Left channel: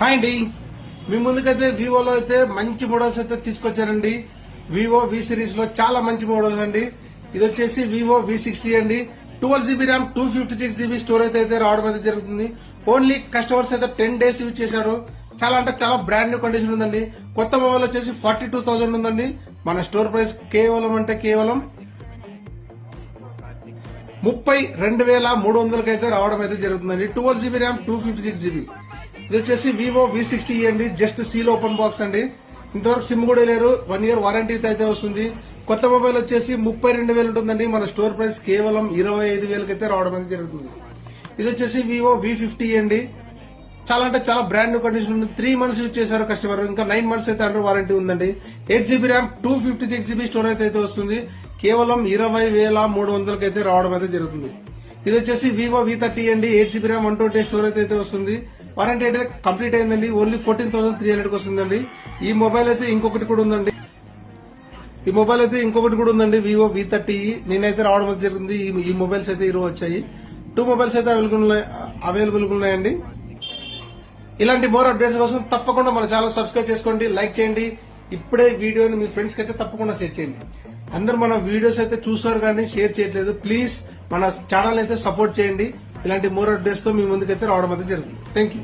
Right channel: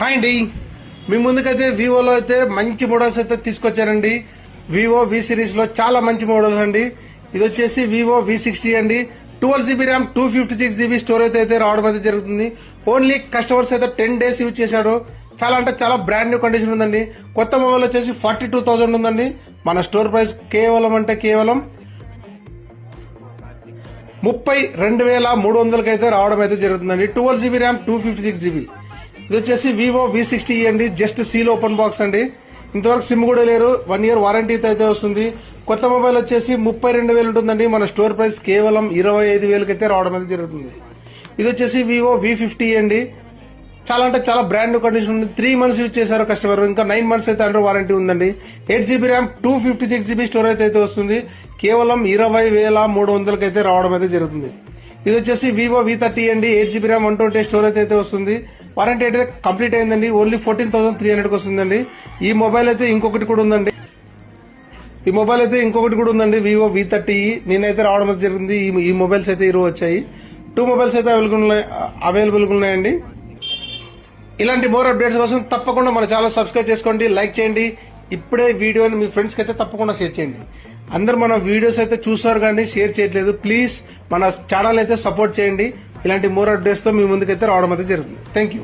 Hi అండి, మీ ముందుకైతే వివోలో అయితే మంచి మోడల్స్ అయితే తీసుకొచ్చారండి. వివో వి సిరీస్ లో చాలా మంచి మోడల్స్ అండి. ఇది వచ్చేసి వివో V60 అండి. 12GB ర్యామ్ 256GB స్టోరేజ్ అయితే రావడం అయితే జరుగుతుంది. ఓన్లీ కస్టమర్స్ అయితే 10 days యూజ్ చేశారు. చాలా అంటే చాలా బ్రాండ్ న్యూ కండిషన్ ఉందండి. కొత్త మొబైల్ వచ్చేసి 42,000 ఉందండి. మన స్టోర్ ప్రైస్ కేవలం 32,300 అయితే రావడం అయితే జరుగుతుందండి. 12GB RAM 256GB. ఇది వచ్చేసి వివో V60 అండి. జస్ట్ సీల్ ఓపెన్ బాక్స్ అండి. ఇంతవరకు సిమ్ కూడా లేరు. 1 year వారంటీ అయితే వస్తుంది. కొత్త మొబైల్ వచ్చేసి 32,000 ఉంటుందండి. మన స్టోర్ ప్రైస్ కేవలం 25,000 అయితే రావడం అయితే జరుగుతుంది. ఇది వచ్చేసి వివో V50 అండి. చాలా అంటే చాలా బ్రాండ్ న్యూ కండిషన్ ఉంది. 3 months యూజ్ చేశారు కస్టమర్. ఇంకా 9 months అయితే అండర్ వారంటీ ఉందండి. 8GB ర్యామ్ 256GB స్టోరేజ్ అయితే వస్తుంది. కేవలం 20,300 అయితే రావడం అయితే జరుగుతుంది. ఇది వచ్చేసి వివో V30 అండి. 8GB ర్యామ్ 128 స్టోరేజ్ అయితే వస్తుంది. వారంటీ అయితే కంప్లీట్ అయిందండి. ఓన్లీ 14,300 వస్తుందండి. ఈ మొబైల్ అయితే ఇంకొకటి కూడా ఉందండి. వివో V30 నేనైతే రావడం అయితే జరిగింది. ఈ మొబైల్స్ అయితే ఈరోజు వచ్చాయి. 2 మొబైల్స్ అయితే అవైలబుల్ ఉన్నాయండి. ఇలాంటి మోర్ అప్డేట్స్ కోసం తప్పకుండా మన ఛానల్ సబ్స్క్రైబ్ చేసుకోండి, లైక్ చేయండి. ఇప్పుడే వీడియోని మీ ఫ్రెండ్స్ కి అయితే తప్పకుండా షేర్ చేయండి. అందరు మన వీడియోస్ అయితే చూస్తారు కానీ షేర్ చేయట్లేదు. ప్లీజ్ మన ఛానల్ అయితే సపోర్ట్ చేయండి. ఇలాంటి మోర్ అప్డేట్స్ తో మీ ముందుకైతే రావడం అయితే జరుగుతుంది. Thank you.